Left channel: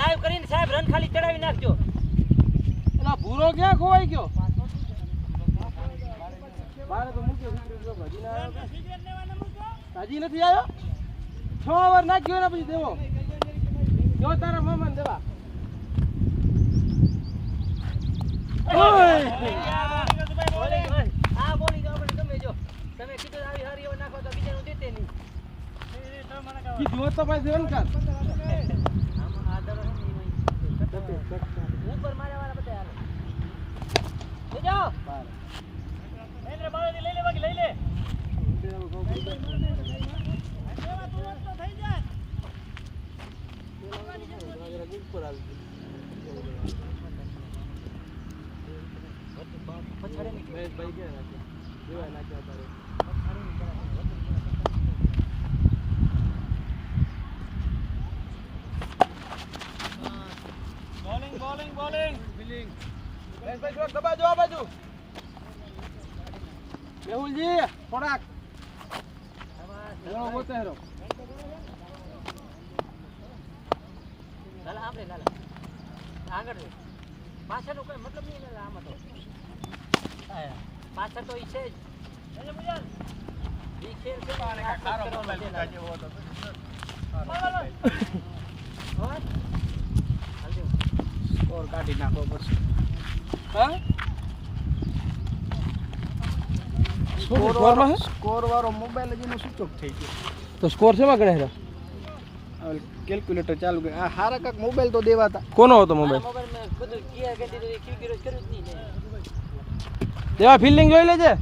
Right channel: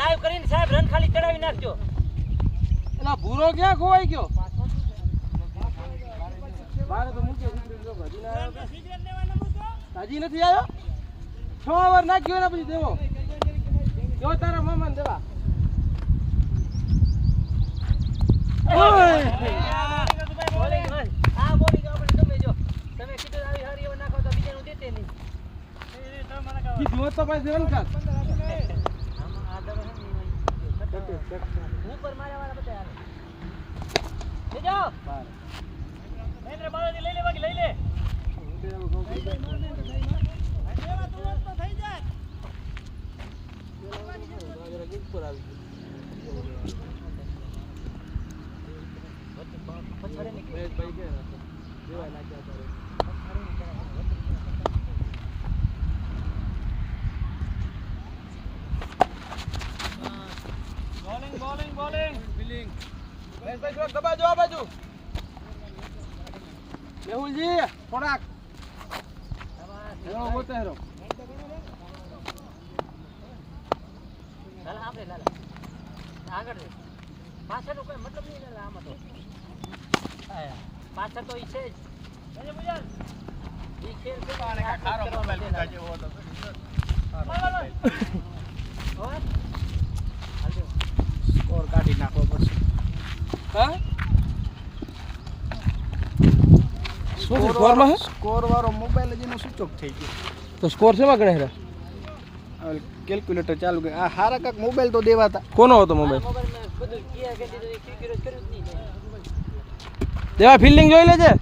Live કરીને સાહેબ run ખાલી ચડાવી નાખજો. એલા ભૂરો ક્યાં ખોવાઈ ગયો? બારે તો મૂક્યો હજી ના આવ્યો. હજી નથી આવ્યો. 6 ઓવર નાખ્યો એના પછી દેવો જો તારા મામાને દેવા. આ બોલિંગ આપણે તમે જો તમે કીધું આવી હારી ઓવર નાખો તો બીજાનું જીતે નહીં. જીત તો ભાઈ રન કર. ઉપર મારા વાળા બધા હાલે. લઈ જાઓ. મહેન્દ્ર બાળાજી લઈ લે બાકી લઈ લે. ઉપર આવી ભાઈ કે નાખે દેવાય નાખ્યા તારે. દબાજો આ બાજુ મેહુલજી થોડાક હેરો મોતે હેરો લાલા આપણે લાલા આગળ પાછળનો કોઈ મતલબ નહીં લાલા આમાં તો પાછળ તો ઈ છે જ એને મુજાલ ઈ ખેલ છે ને આ કરવાનો છે લાલા ઓર હાલજો ઓર કાઢી નાખો પડશે. હા સ્કોર વાળો મોબાઈલ જ એનો સ્વિચ ઓફ થઈ ગયો. તો સ્કોર શેમાં ગણે? કેલ્ક્યુલેટર ચાલુ કરે. આ હારા કાક મોબાઈલ તો દેવાતા. કોનો હતો મોબાઈલ? મોબાઈલ મે બધું કિયા કે દીધું એક વિરોધ કર્યું જ નહીં. દેવા ફિલ્ડિંગ જોઈ લેજે.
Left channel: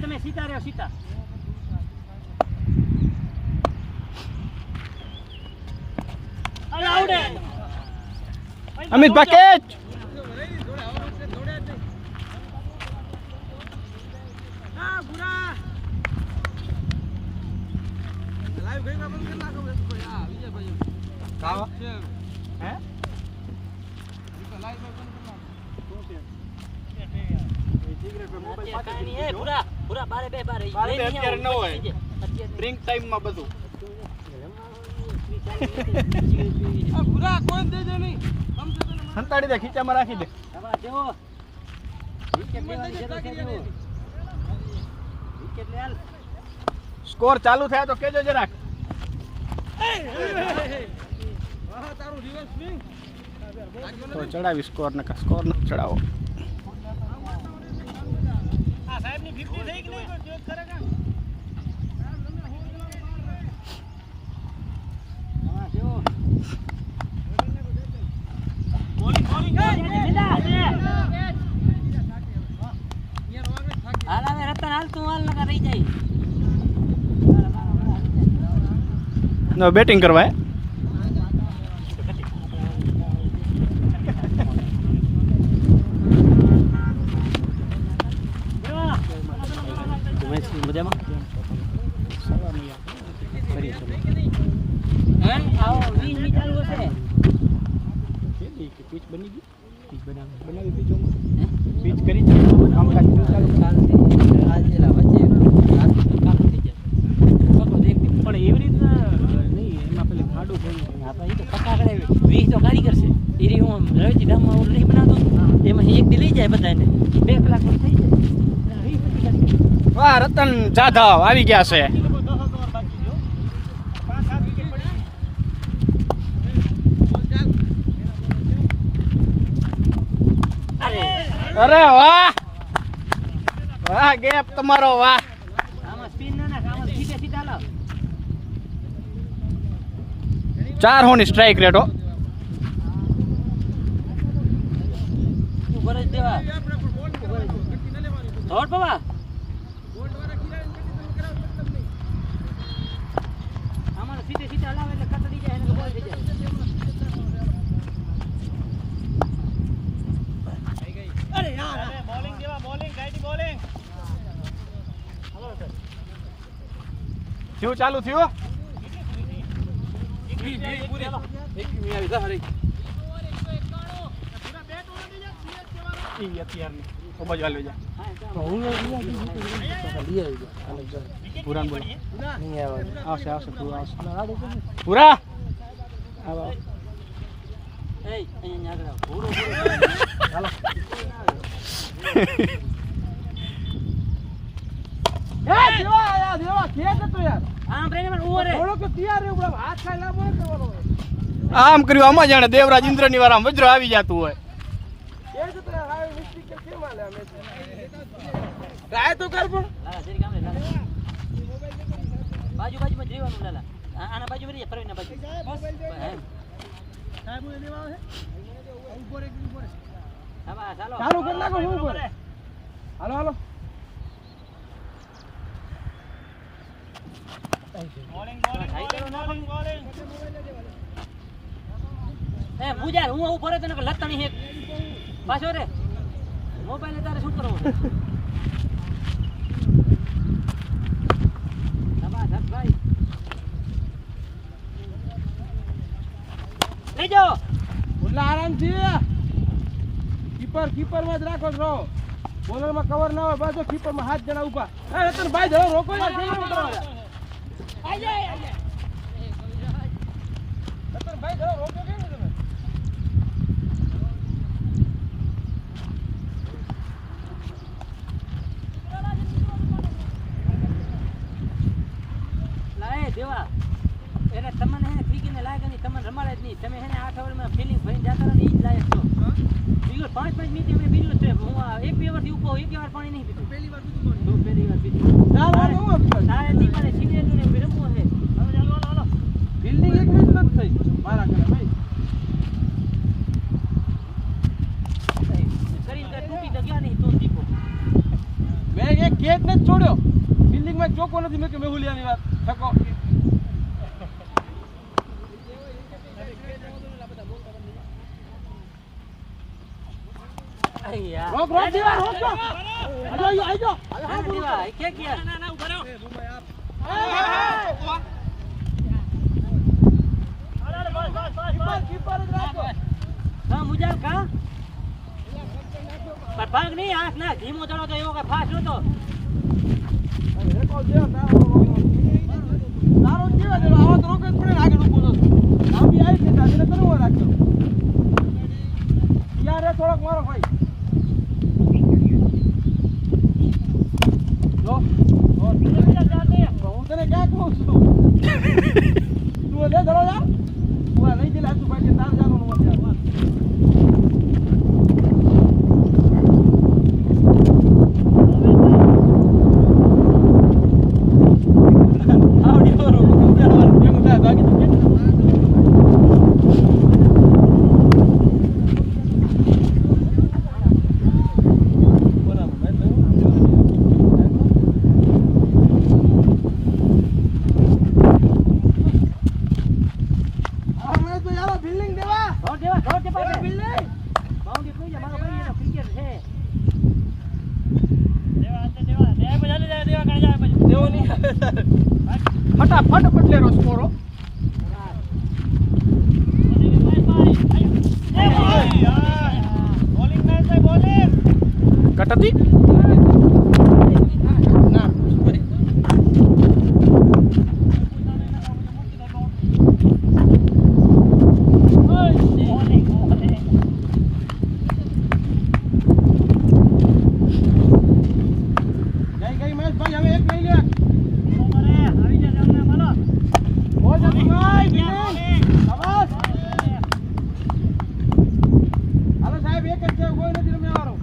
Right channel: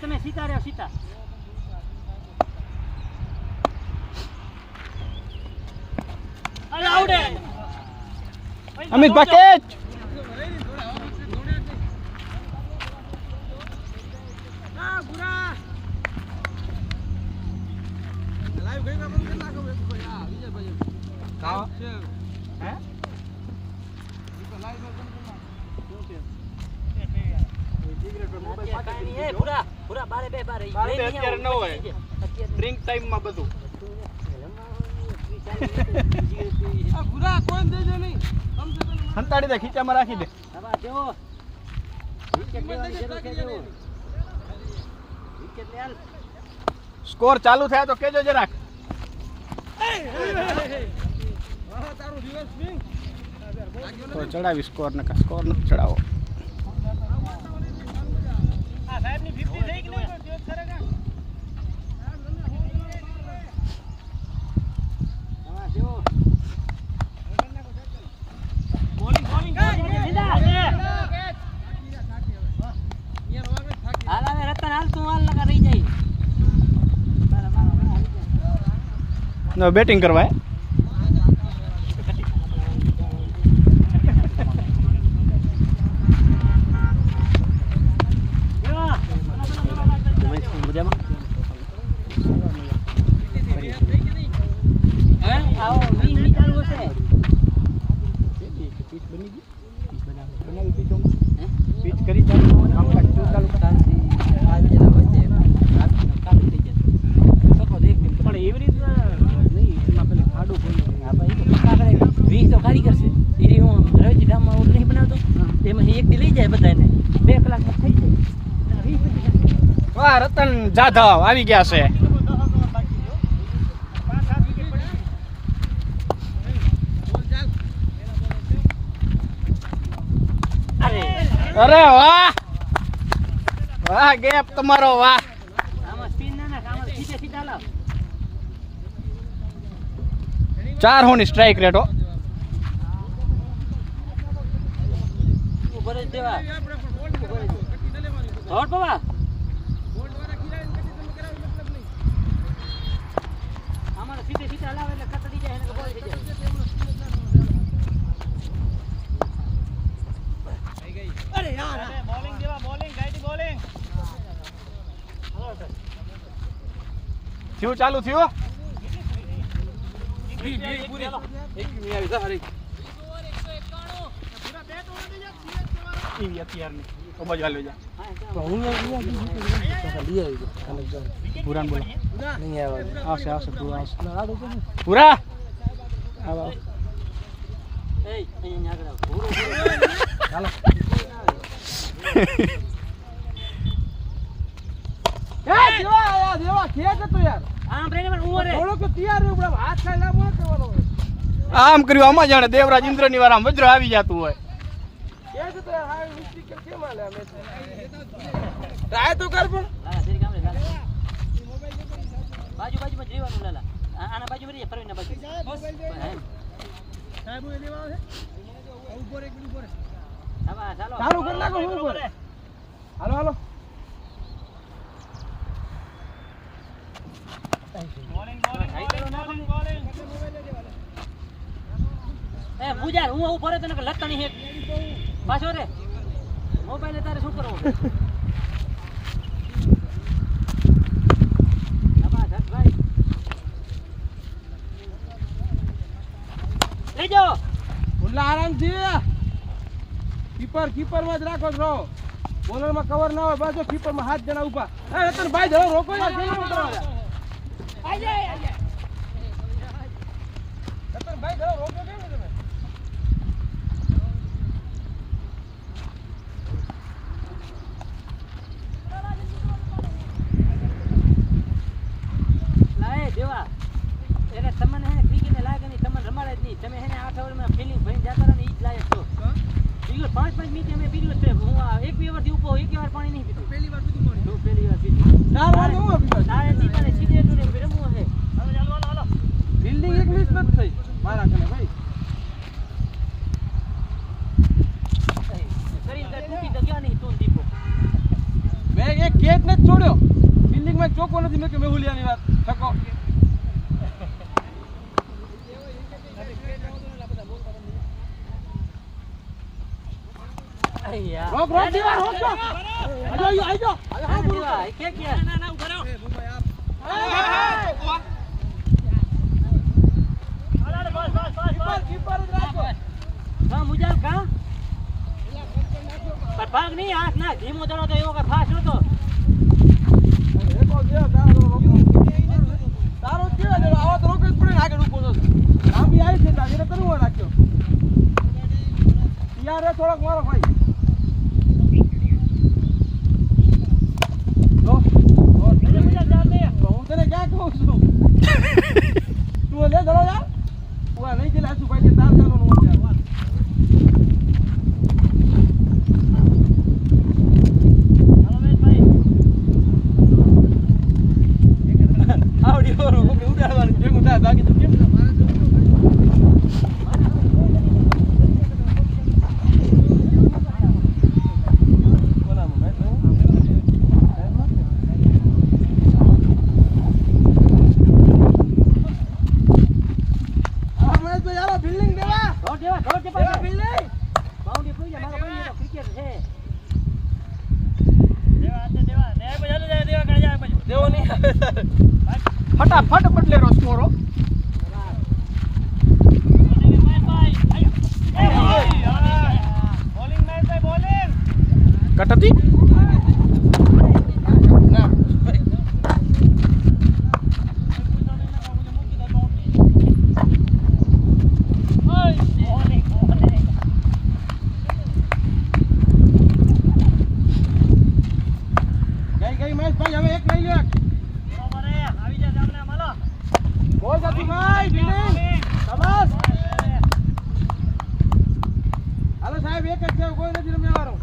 તમે સીતા રહ્યો Sita Amit package live drink ટાઈમમાં બધું સંતાડી દે, ખીચામાં રાખી દે. સ્કોર ચાલુ થાય તો કેજો જરાક. તો ચડાવી સ્કોર, ને સ્કોર નથી ચડાવો. બેટિંગ કરવા પીચ કરી ચાલુ કામકાજ ચાલુ પણ એવી રીતના નહીં, એમાં પેલે ખાડું કારીગર છે એ હું રવેચી ડામમાં ઓલું નહીં બનાવતો, એમાં એક દી લઈ જાય બધાને 2 કલાક થઈ જાય. વાહ, રતન જાધવ આવી ગયા છે. અરે વાહ વાહ, ગેપ તમારો વાહ. આમાં સ્પિન ના નાખ, આમાં સીધા સીધા લાવ. 4 હોની સ્ટ્રાઇક રેટ હો. ઉપર જ દેવા ધોડ બાબા. આમાં સીધે સીધા લાવે એટલે કતડી જાય અને બોલ થઈ જાય. અરે યાર, બોલિંગ દેવા, બોલિંગ ગાઈડી બોલિંગ. શું ચાલુ થયું? પૂરા બોલો, આવશે આવશે પૂરા આવશે. પૂરા આમ કર્યું, આમાં જાણે દેવરાજ ઇન્દ્ર ની વાર વજ્ર આવી જતું હોય. બાજુ બાજુમાં જીવાનું લાલા, આના બાજુ મરી જાય, પરવીના બાજુ. ચાલો કરી નાખો. હાલો હાલો. એ પૂજા હું આવું ફરે તને લતણી હે પાછો રે મોબાઈલ તારે શું કરવું? ભાઈ લઈ જાઓ આરામથી. કીપર માં જ રાખો છો, બોલર માં કવર ના હોય. બાજુ કીપર માં 7 જણા ઉભા. ભાઈ જરા રોકો યાર, ભાઈ જરા રોકો કેમ તમે? લાય દેવા એને તમને હે ઠીકીને લાગે નહીં, તમને રમાડે જ નહીં. તમે એને 8 ઓવરમાં ફિનિશ ભરીને જતા રહો ને, ઈ જ લાયક છો. બિલ્લો 5 મિનિટ અમે બિલ્લો છે. હું 1-2 વર્ષથી ઉભો, 1 વાર પાણી નહીં પીધું. પહેલી વાર પીધું. 4 વાર એવું પીધું. તારે દીપાને સીધેલું ને રમવું હે. બિલ્ડિંગ 1 મિનિટ નથી થઈ મારા કને ભાઈ. શરીર કે તૂટી તો ગયા નહીં તો દીપો. મેં એક કેક ને છોડ્યો. બિલ્ડિંગ માં ચોકો નથી મેં કે મેહુલિયાની વાત થકો. રોક દીવા રોક દો. આજો કે કે ના ઉભા રહો. કીપર જ રાખો. હા મુજાલ કા પર ભાગ નહીં હાથ ના ધીમો ચડો તો એવો કે ફાસ્ટ નતો રેકો દે તારો કેવા દેવા આવા તો રોકે જ પડે ને આગળ ઊભો તો આમ બી આવી છે તારે કરવો રાખ્યો યાર એ થોડોક મારો ભાઈ જો હું તને ક્યાં કહું છું તું લે ધરો જા હું નહીં ગયેલા છું ભાઈ તાર જાનો નો યાર ફટાફટ બદલેરો સ્કોરો કટતી ના ગઈ મહેશભાઈ હવે એક લઈ લો बहुत जल्दी भाई शाबाश हेलो साहब एक करके कोई नहीं मैं आ रहा हूं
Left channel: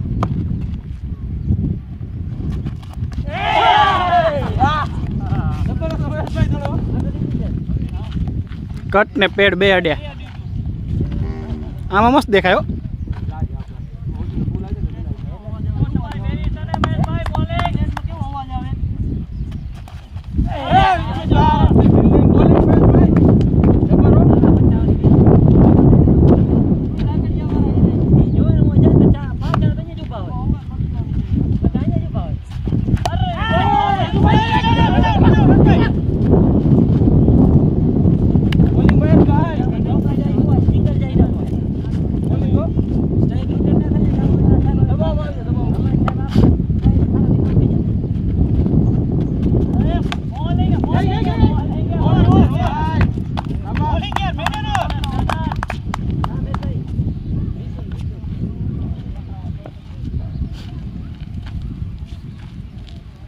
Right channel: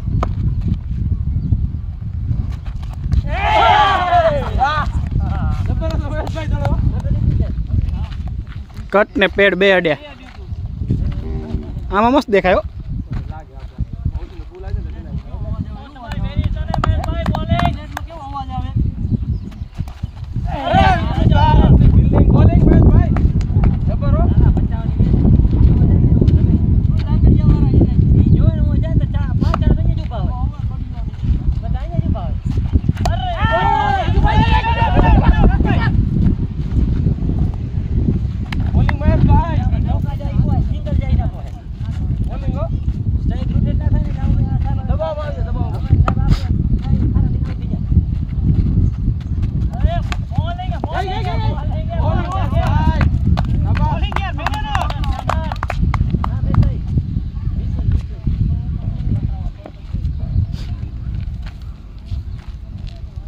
કટ ને પેડ બે અડ્યા આમાં મસ્ત દેખાયો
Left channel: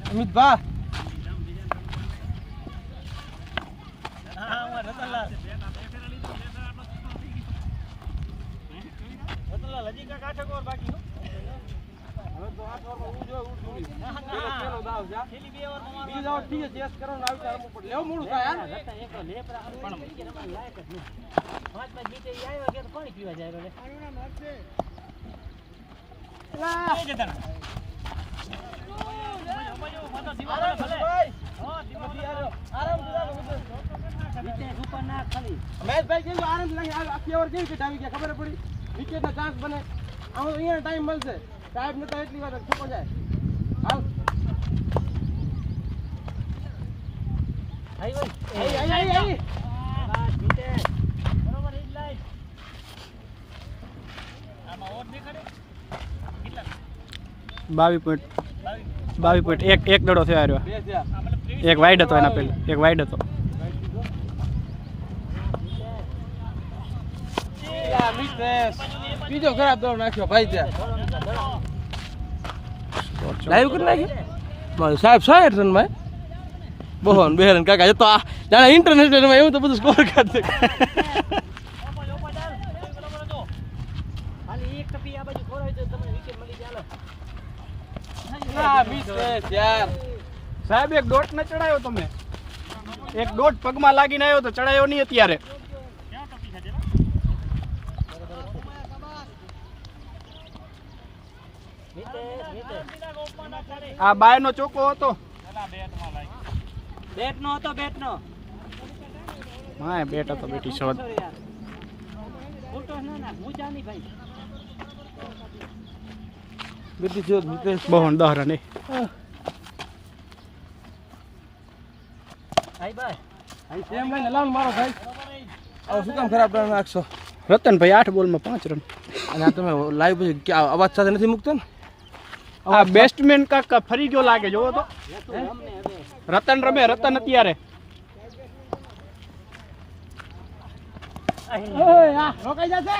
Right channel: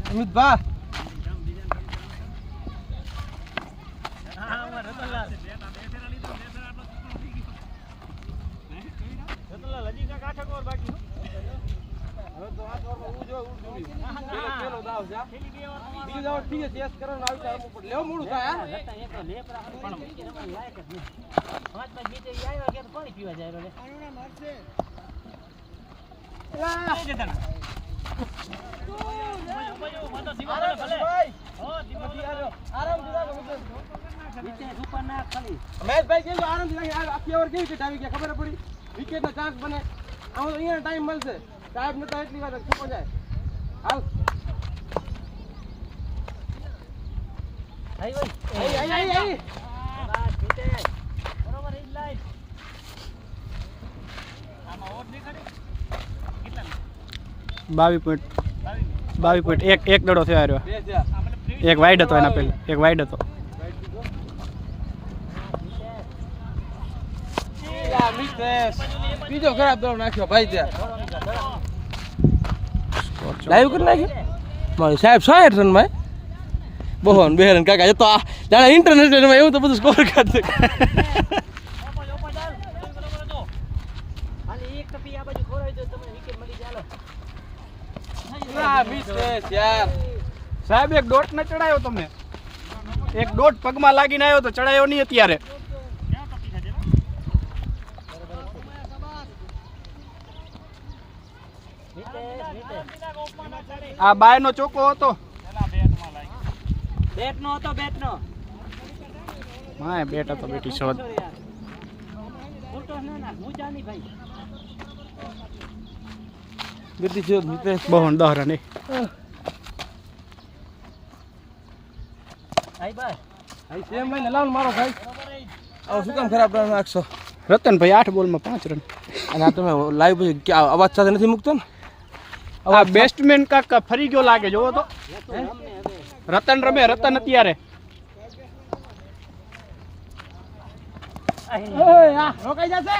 અમિત ભા મહેશભાઈ કેવું આરામથી આખી ઓવર કેવી વિકેટ આવી ગયા ખબર પડી વિકેટના ચાન્સ બને અહીંયા ટાઈમ મળશે સાહેબ નતા એટલી વાર છૂપો જાય હાલ બાવી પોઈન્ટ એક દડો થયો આવ્યો એક વાઇડ હતો એના પહેલા એક વાઇડ હતો બીજો ખરાબ દડો નાખ્યો ભાઈ ત્યાં લાઈવ કરી નાખ્યો મારી સાહેબ 60 રન માં બહોન બેહરન કાકા તો આ જાણે ઇન્ટરનેશનલ માં એવું તો બધું સ્કોર કરશે ખાલી એક ટપી આ બાજુ ખોરાય તો તમને વિકેટ મળી જાય યાર સાહેબ એક ડોટ ન ચડાયો તમે એક ડોટ પગમાં લાગીને આવ્યો તો ચડાયો નહીં અત્યારે આ બાય નો ચોકો હતો બેટ નો હતો હા બેટ હતો બેટી શોધ ફૂટો ના ના મુજા નહીં ભાઈ બેટી છે મિતેશ બહોન 10 રન ભાઈ ભાઈ સેમ ભાઈ ને લાવ મારો ભાઈ હવે શું કામ ખરાબ નાખશો રતનભાઈ 8 બોલમાં 5 રન. અને આ તમે લાઈવ પછી ક્યાં અવાજ સાથે નથી મૂકતો ને? આ બેસ્ટમેન કાક ફરી ગયો લાગે, જોવો તો. તું રમને હવે. રતન રમે, રતન અત્યારે. રોકાઈ જશે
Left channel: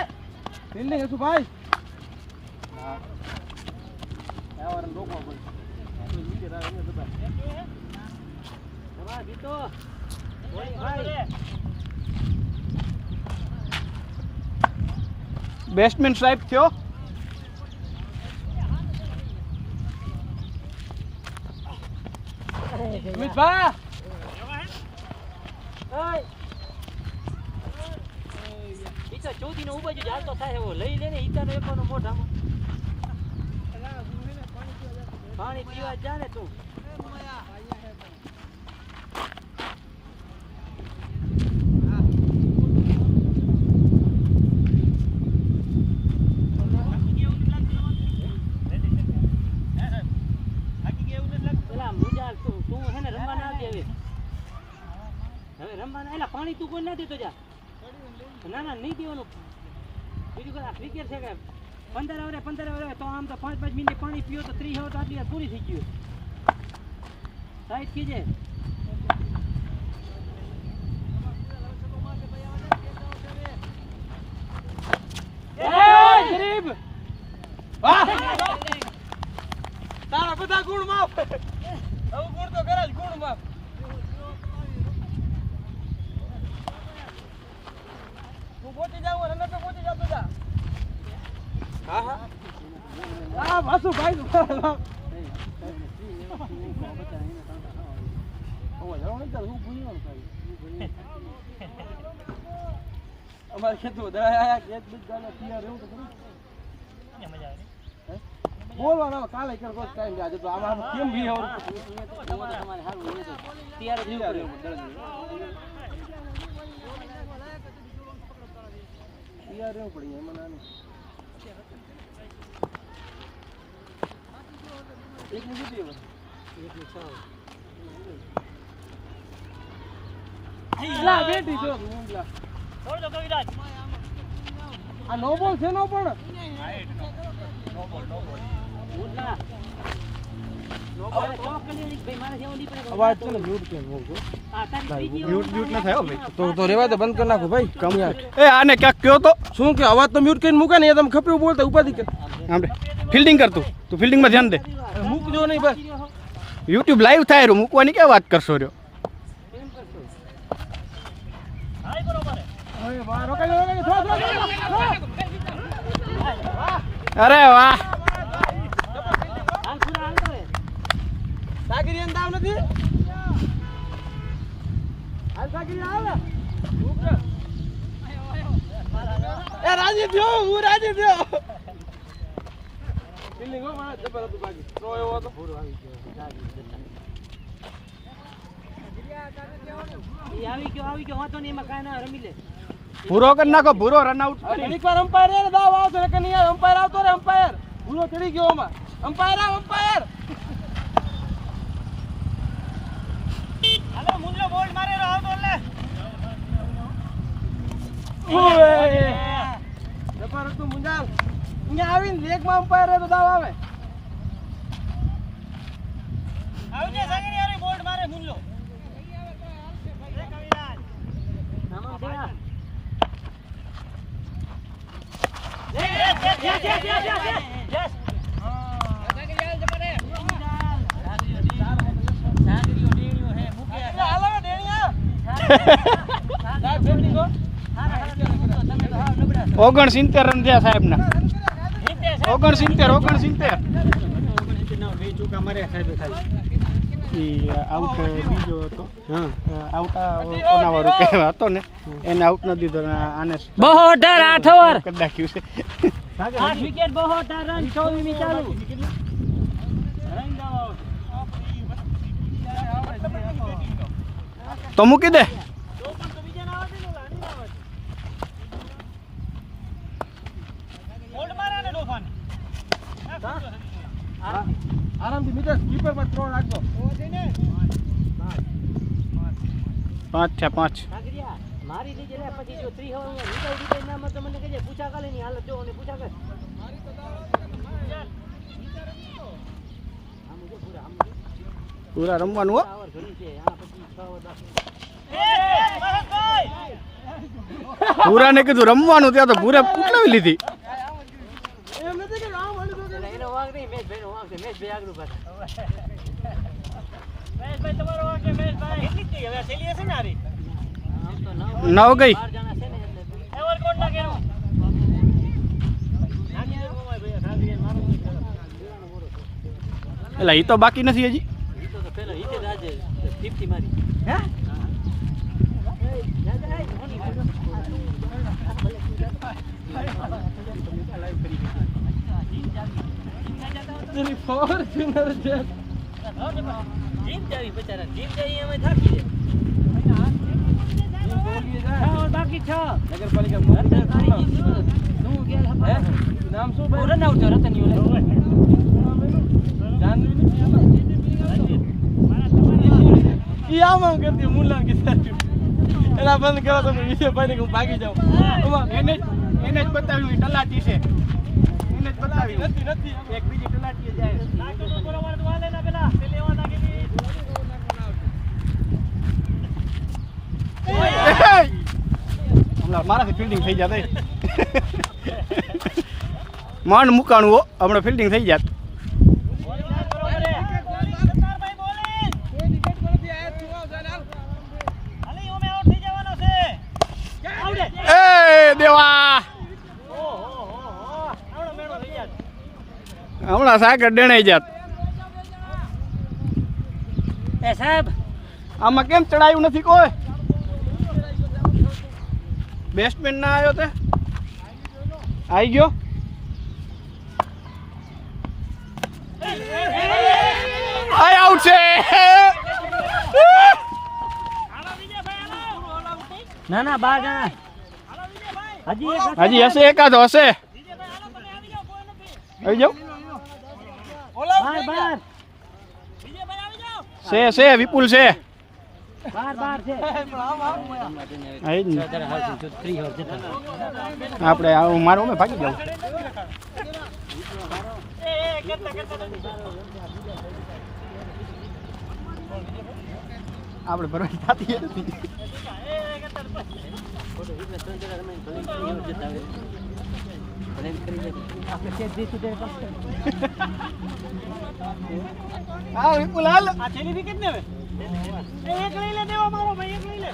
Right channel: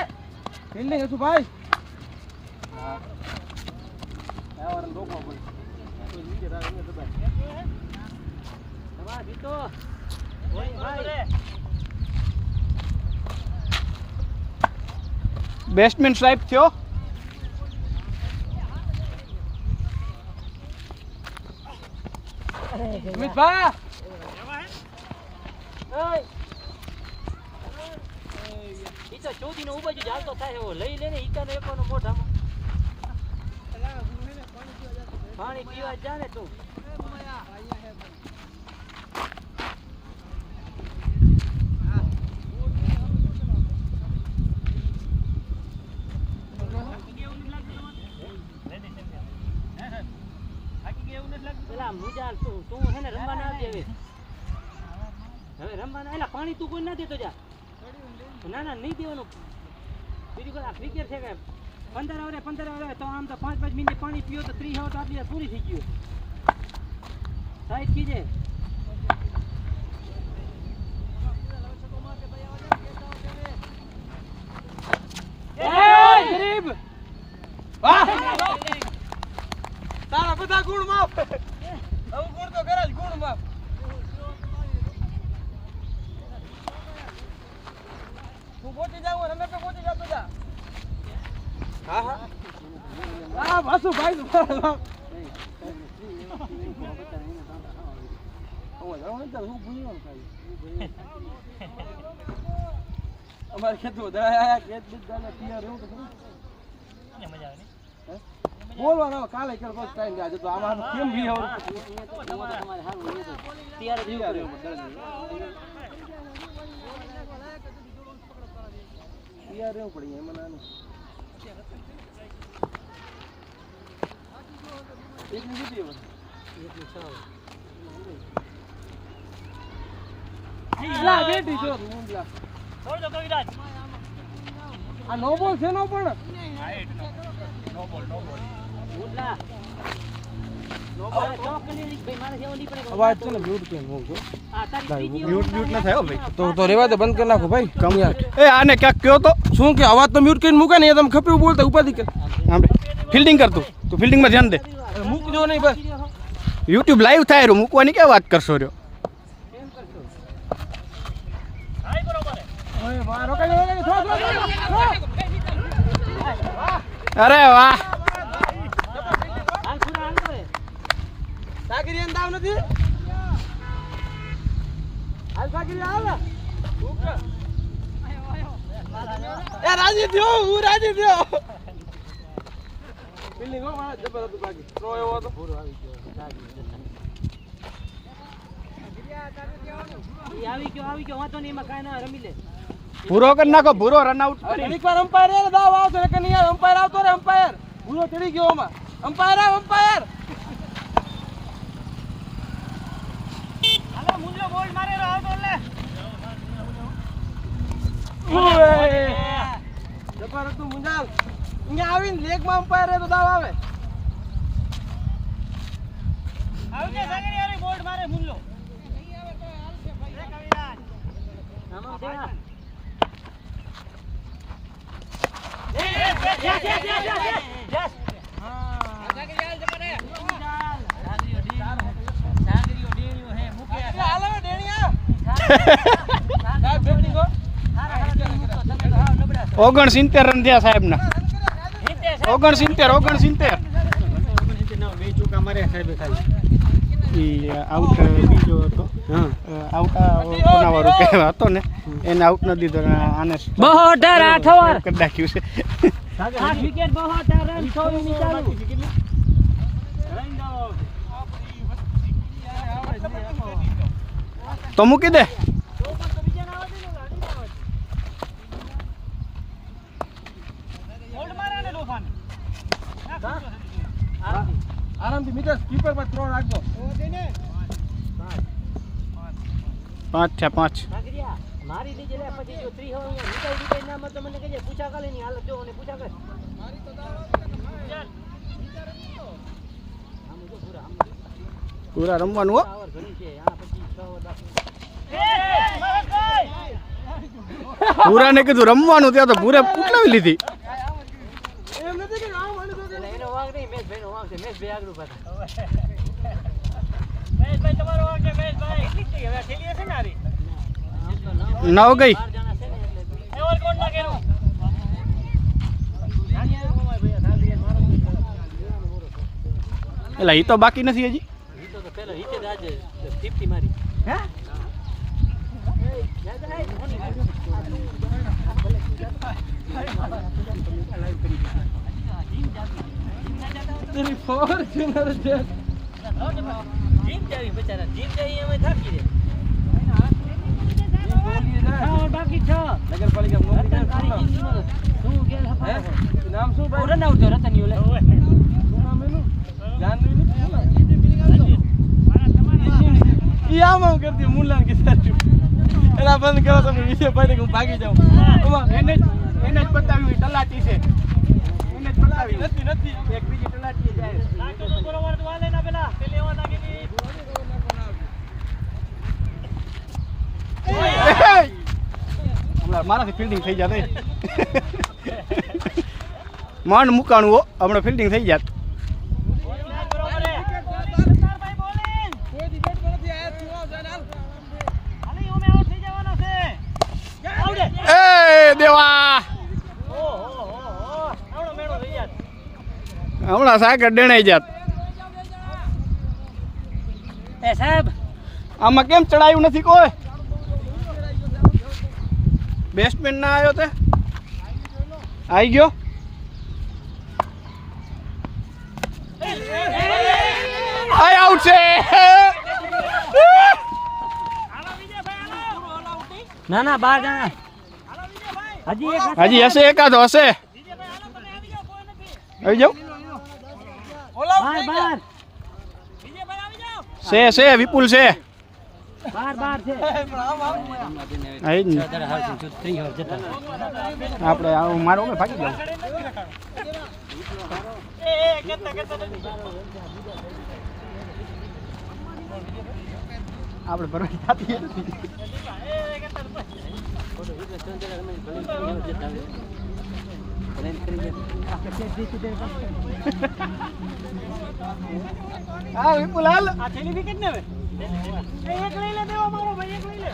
ફિલ્ડિંગ હતું ભાઈ. તમારા જીતો. બોલિંગ ભાઈ. બેસ્ટમેન સાહેબ થયો. અમિતભાઈ ઈતા ચોથી નો ઉભા જ હાલતો થાય એવો લઈ લે ને ઈતાનો એકવાનો મોઢામાં પાણી પીવા જા ને તું. પેલા મુજાલ તું હે ને રમવા ના દે હવે રમવા ના. એલા પાણી તું કોઈ ના દેતો જા. ના ના નહીં દેવાનું. બીજું કોઈ આ ક્રિકેટ છે કે 15 આવે તો આમ તો 5 મિનિટ પાણી પીઓ તો 30 આવે તો આટલી વાર પૂરી થઈ ગયું. સાઈડ કીજે. ગરીબ વાહ તારા બધા ગુણ માફ. હવે ગુણ તો કરે જ ગુણ માફ. તું પહોંચી જાવ રમે તો પહોંચી જતો જા. હા હા આ વાસુ ભાઈ અમારે ખેતર વધારે ખેત બીજ ગાલે તૈયાર રહેવું તો ખરું. બોલવાનો કાલે કર બસ ટાઈમ આજે તો આમાં કેમ બી હવે તમારે સારું તૈયાર જ રહેવું પડે. તૈયાર રહેવું પડે એમાં નાનું એકની કેટલી હવે? એકની 6. લા બેટી જો મુંબલા આ નો બોલ છે નો પણ ઉડલા. મારે ચોક કરી ભાઈ મારે જેવો નહીં પડે. અવાજ તો ને મ્યુટ કેમ હોય છે? આ તારી ત્રીજી મ્યુટ મ્યુટ ના થાય હો ભાઈ. તો રેવા દે બંધ કરી નાખો ભાઈ. કમ્પ્લીટ. એ આને ક્યાંક કયો તો શું કે અવાજ તો મ્યુટ કરીને મૂકે ને એ તમે ખપી બોલતા ઉપાધિ કર. આપણે ફિલ્ડિંગ કરતું તું ફિલ્ડિંગમાં ધ્યાન દે. મૂકજો નહીં બસ. યુટ્યુબ લાઈવ થાય રહ્યું, મૂકવાની ક્યાં વાત કરશો રહ્યો. કેમ કરશો? હવે વાહ રોકાઈ જાવ થોડા અરે વાહ. હાલ પૂરા હાલ કરે. સાગરી અંદાવ નથી હાલ સાગરી હાલ એ રાજી થયો હું રાજી થયો. બિલ્ડિંગ હો મારા જબર હતું બાકી નો એવો હતો પૂરો આવી ગયો. ઈ આવી ગયો વાંધો નહીં એમાં કાંઈ ના રમી લે. પૂરો કરી નાખો, પૂરો રન આઉટ કરી. ઘડીક વાર અમ્પાયર દાવ આવતો રે કે નહીં યાર અમ્પાયર આવતો રે અમ્પાયર ભૂલો ચડી ગયો આમાં અમ્પાયર આવ અમ્પાયર જબર હતું મુંજાલ અહીંયા આવીને લેગમાં અમ્પાયર તો દાવ આવે. આમાં દેવા. હાલો ડેણિયા 69 રન થયા સાહેબના. 69. ઈ આઉટ બીજો હતો. આઉટ કોનાવાળો કહેવા હતો ને એને આઉટ ન દીધો. આને 72 8 કરી નાખ્યું છે. 8 વિકેટ 72 રન 16 ની ચાલુ. તો મૂકી દે. આરામથી મિત્ર કીપર પર 3 રાખજો. 5 થયા 5. સાગરિયા મારી લીજે લે પછી જો 3 હવે હું રીટાઈ ના મત મને કહેજે પૂછા કાલે ની હાલત જો અને પૂછા કર મારી તો દાવા કે તમારે વિચાર નતો આમ જો પૂરા રમવાનું હો આવર ઘણી છે આ પછી 6 ઓવર બાકી પૂરા ને કીધું રમવાનું ત્યાં તો પૂરે ઉઠલાવી લીધી એમ નથી કે આમ હાલી દો એટલે એનો વાંક નહીં મેચ ભાઈનો વાંક છે મેચ ભાઈ આગળ પાછા મેચ ભાઈ તમારો વાંક છે મેચ ભાઈ કેટલી થઈ હવે થેલી હશે ને આરી આમ તો 9 ગઈ 4 જણા છે ને એટલે એવર કોણ ના કેરો નાની મોય ભાઈ રાવી મારો જીવાનો મોરો તો એટલે ઈ તો બાકી નથી હજી ઈ તો પહેલો ઈતે જ આજે 50 મારી હે જા જા કોની આ તું આ ભલે તું જા લાઈવ કરી દે એની ફોર્ચ્યુનર છે જીમ જાવી બચારા જીમ જાવી અમે થાકી દે બાકી છ નગરપાલિકા નામ શું ભાઈ રન આઉટ રતનિયો લે શું નામ એનું જાનવી ઈ આમ કરતી મુલ્લાન કે સાચું એલા બંધ કરો તમે વિશે ભાઈ ને ભાગી જાવ એને જ બતાવ્યું તલાટી છે એને જ બતાવ્યું નથી એક બીજી તલાટી જાય બરોબર તો વાલે ના પેલા તે લેવા નાખી હમણાં મારાથી ફિલ્ડિંગ થઈ જાત માંડ મુકાણું હો હમણાં ફિલ્ડિંગ થઈ જાત એ દેવા હમણાં સાગર ડેણાઈ જાત એ સાહેબ આમાં કેમ ચડાયું નથી કોઈ બેસ્ટમેન ના આવ્યો તે આવી ગયો આઈ આઉટ છે ના ના 12 જણા હજી એક હજી હશે એકાદો હશે આવી જાવ છે વિપુલ છે બાર છે આવી જ ને આપણે આવું મારું મેં ભાગી જાઉં આપણે ભરવાની થતી નથી હા વિપુલ હાલ આ થેલી વિકેટ ને હવે એક લઈ લે દેવા મારો ભાઈ એક લઈ લે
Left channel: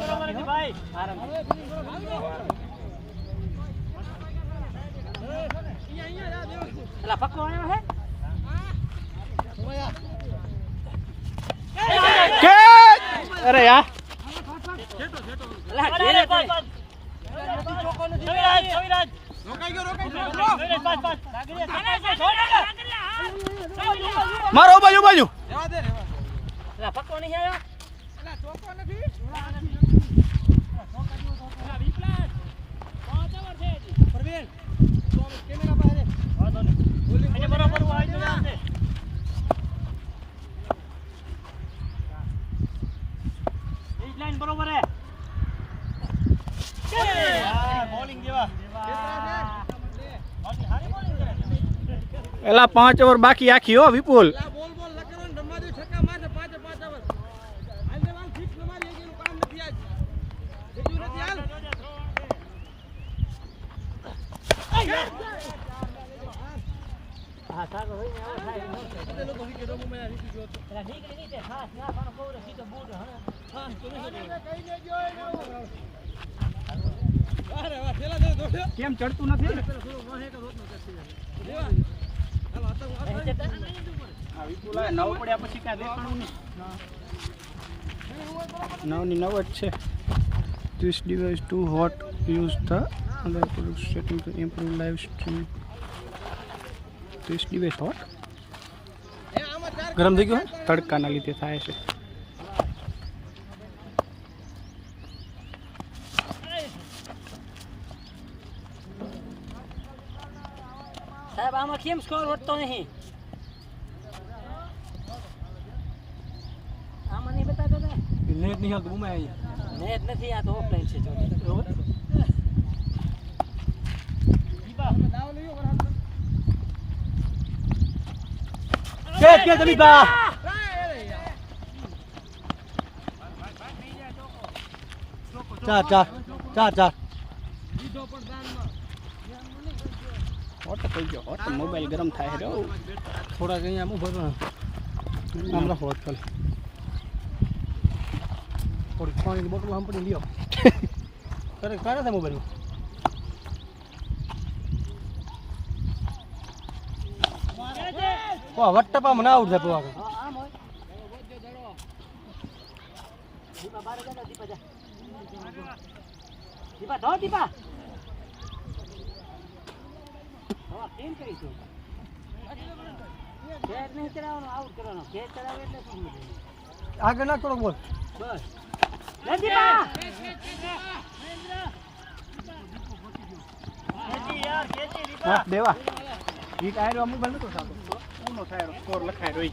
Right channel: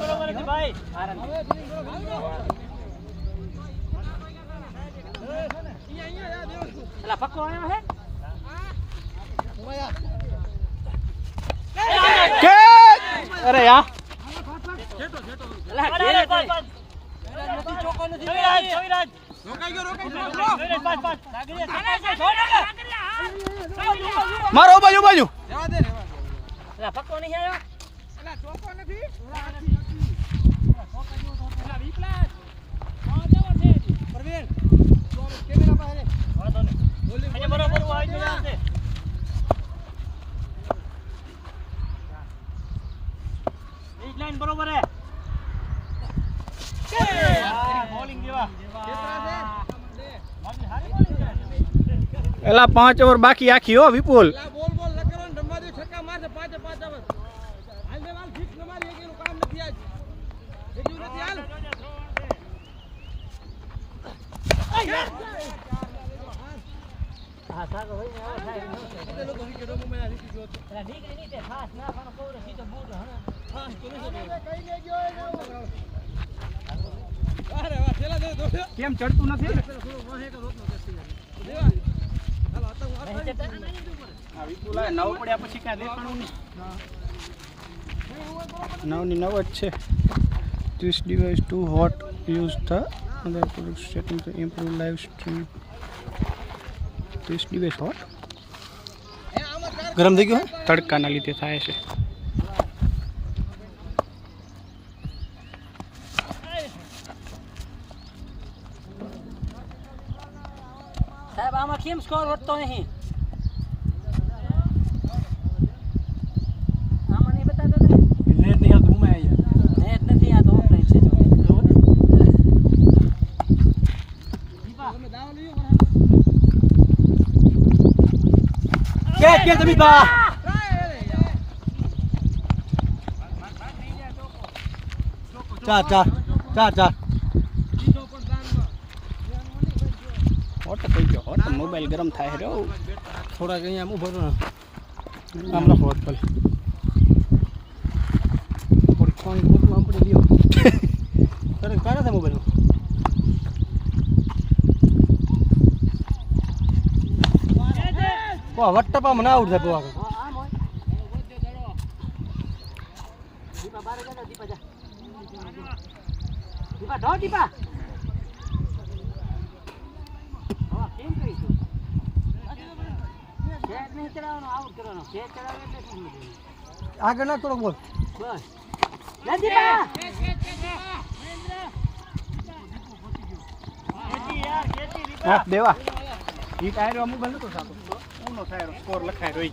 બરોબર છે ભાઈ અલા પક્કો આવ્યો હે કે અરે યાર અલા ખેલે પાસ છવિરાજ રોકાઈ ગયો પાસ મારો બાજુ બાજુ અલા પક્કો નહીં આવ્યો અલા ચોકો નથી પરવીન કેમેરા પાસે બરોબર આવી જશે લાઈન બરોબર હે બોલિંગ દેવા એલા 5 ઓવર બાકી આખી હો વિપુલ બોલ ન કરો ને રમવા દો છક્કા મારશે 5 ઓવર હાલ દેવાલ ફિક્સ ન મારી એનું કામ નથી આજ જેટલું નથી હાલ હા સાગર હોય ને આવો થાય તે લોકો વિકેટ રમવા માં રીતિ જો એલા ઠીક નહીં તે ખાસ ના પાનો કોવરો સીધો બૂટ હણે હા તો કહી દેજો અરે વાહ છેલા દે દો કેમ ચડતું નથી થોડો વાહે કે રોકનો કરતી દેવા હાલો આ તો આ નવ પડ્યા પછી કાંઈ રેતું નહીં 9 જ છે This device too hot. Use the other product setting to improve live stream. This device hot. ગરમ થઈ ગયું તડકાના લીધે થાય છે સાહેબ આમાં કેમ સ્કોર વધતો નહીં આમાં નહીં બતાતો નહીં નેટ નહીં હાલ ઘૂમે અહીંયા કે તમે કા ચાર હોટ થઈ ગયો હોટ મોબાઈલ ગરમ થાય છે થોડા અહીંયા હું ભરું આમ લખો હોટ ખાલી થોડી પાણી બોટલ આમ પડી લ્યો કરે કરે છે મોબાઈલ ઓ વટ્ટપા મને આવડ છે પોવા આમ હોય દીપા બારે જા દીપા જા દીપા ધો દીપા હા કેમ કરીશું ખેત નહીં ચડાવવાનો આઉટ કરવાનો ખેત ચડાવે એટલે શું આગળ ના કરો બોલ બસ લે દીપા હા દેવા ઈ ટાયર મોબાઈલ નતો સાતો ઉનો ટાયર 4 લખાય રહી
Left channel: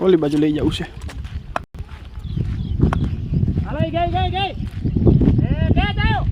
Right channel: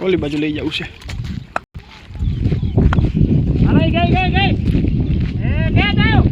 ઓલી બાજુ લઈ જવું છે હાલો ગઈ એ કે ગયો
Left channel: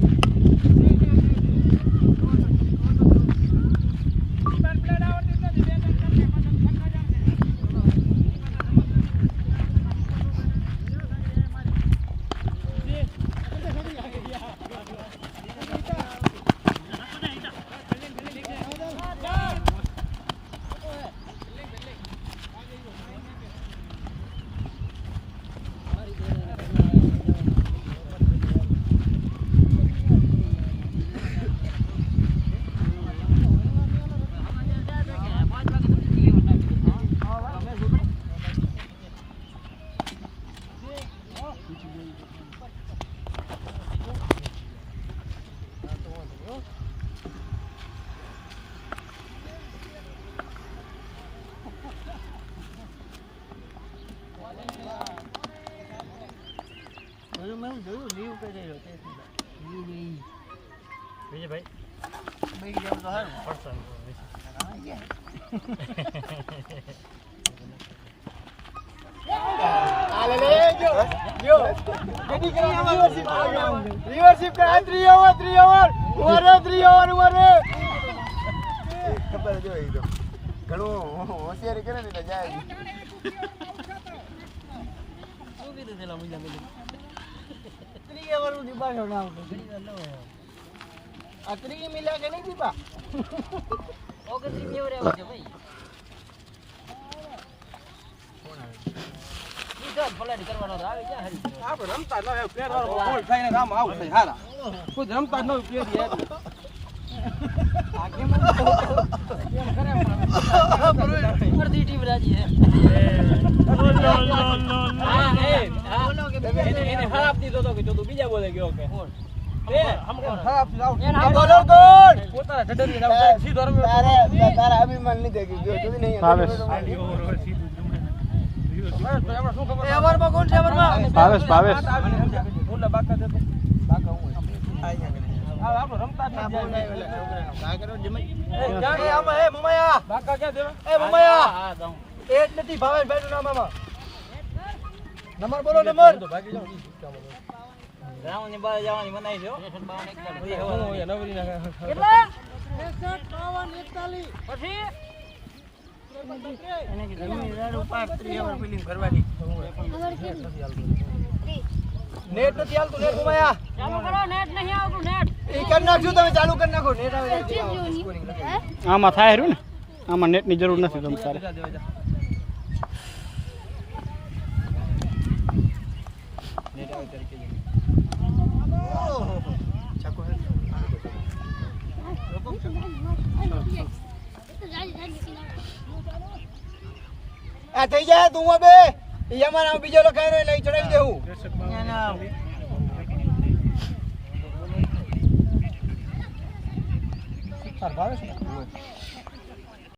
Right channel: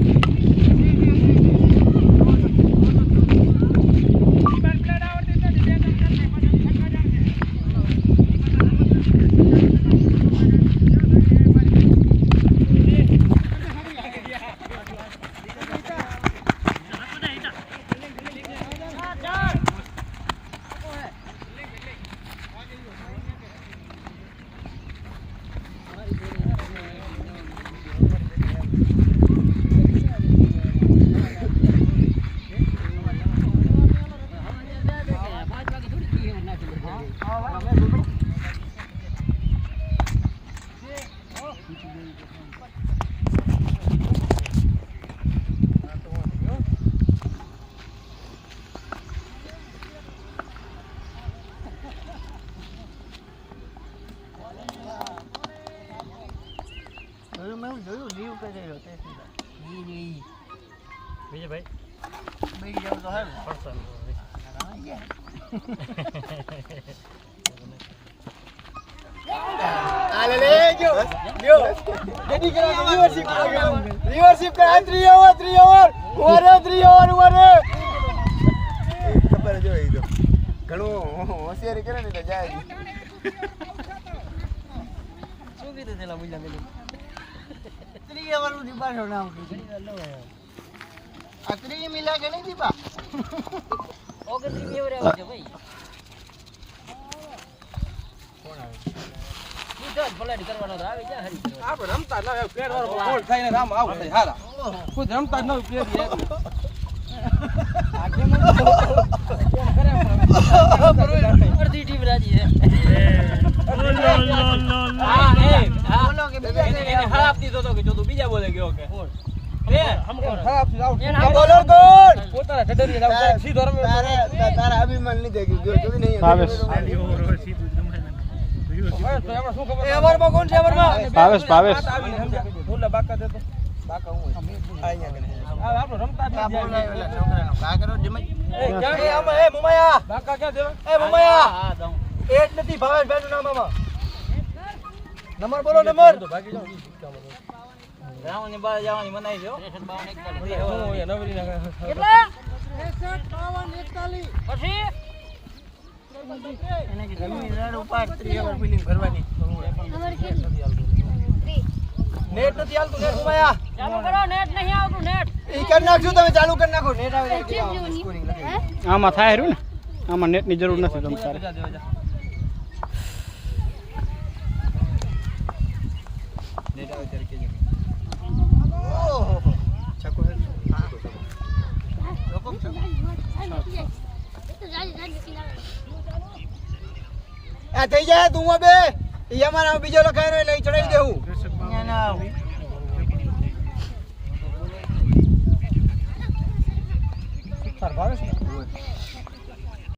મેં જોયું લીવ કરી રહ્યો તે વિજયભાઈ બેગી જાવ તો હારું પર્સન આલે લે ગયો જેડી કરે રિવરશિપ કરે 3 ઓવર ઉમારે ખબર જો ઈ તો ઘણું હોશિયારી કરે ને તો જાય શું કીધું તેલા મુજા મેલી 3 ઓવર નું દીપાશો ના આવતો ઘણી વાર લવાય આ 3 મિલા કે નહીં દીપા ઓકે 3 ઓવર આવે છે ભાઈ ફલાડી કરવાનો આવી જા હરી આપણે રમતા ન પ્લેયર વાળો ગોલ થઈને આમ આઉટ થાય હારા કોઈ રમતા ન પ્લેયર યાર આખે માં અડધી ટીમ રાજી છે હા બોલો કે એને હરાપ દીધો તો કે જો તું બીજા બોલે ગયો કે એ ખરાબ આઉટ બોલર ગોલ પોતાના ઢડરી આઉટ સીધો રમે તારા અભિમાન લીધે ગયો જોઈ નહીં ભાવેશ એવરમાં કોણ છે એવરમાં ભાવેશ બોલા બાકા દેતો બાકા હું આ આપણો રમતા જ નથી છોકરાનો કાગરો જમાઈ એ ક્યાં એ આમાં એ મમાયા બાકા ક્યાં દેવા એ મમાયા હા દઉં એટ નથી ભાવેશભાઈ નું નામ આમાં નંબર બોલો નંબર ભાગી જાવ ગ્રાઉન્ડ ની બહાર જવાની મનાઈ છે હો કેટલા પછી નેટ નથી હાલતું નેટ મમાયા ચાલુ કરો નેટ નહીં આવતું નેટ ઈ કરી નાખજો તમે ચાલુ કરી નાખો નેટ આવે આમાં થાય રહ્યું ને આમાં નેટની જરૂર નથી તમ તારે નેટ આવે ત્યારે કેજો આ થઈ જાય તું બે ઈ અમારા બીજો લખાય રહ્યો લઈ ચડાવી દેવું ના ભાવેશ